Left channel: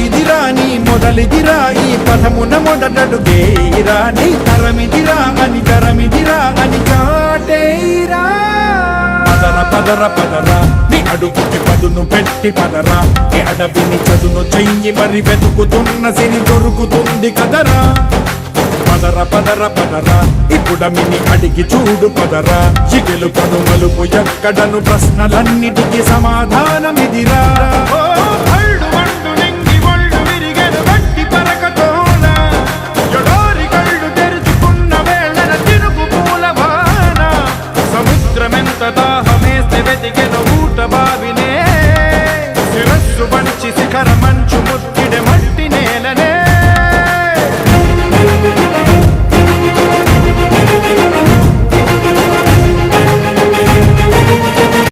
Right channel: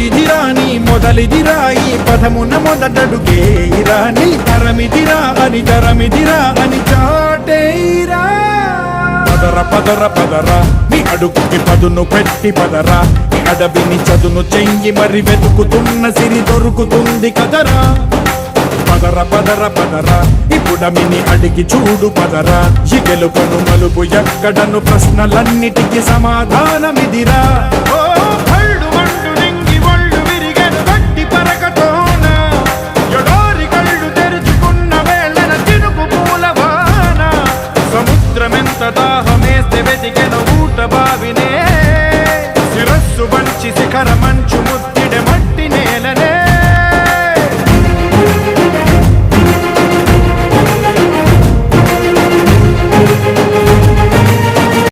ఇదిరా నీ మొదలిదిరా ఈ పదమున మొదటడుగేయిరా నీ తరమిదిరా అని చాటేయిరా పదర పదర పదర నీ అడుగుకి పదును పెట్టి పదరా నీ అడవిని చదును చెయ్యి మరి వెతుకుతున్న సిరి దొరుకుతుంది కదరా పదర పదర పదర ఇప్పుడమిని అడిగి చూడు పదరా ఇగెలు కను మలుపు ఎక్కడను ప్రశ్నలన్నిటికీ సమాధానమిదిరా ఓ భళ్ళు వండు నింగి ఒళ్ళు విరిగెను గట్టి పరకతోన ఎడారి కళ్ళు తెరుచుకున్న వేళన తినుకు పూలవాన సముద్రమెంత దాహమేస్తే వెతికెను ఊట బావినే శిరస్సు వంచి శిఖర మంచు ముద్దిడె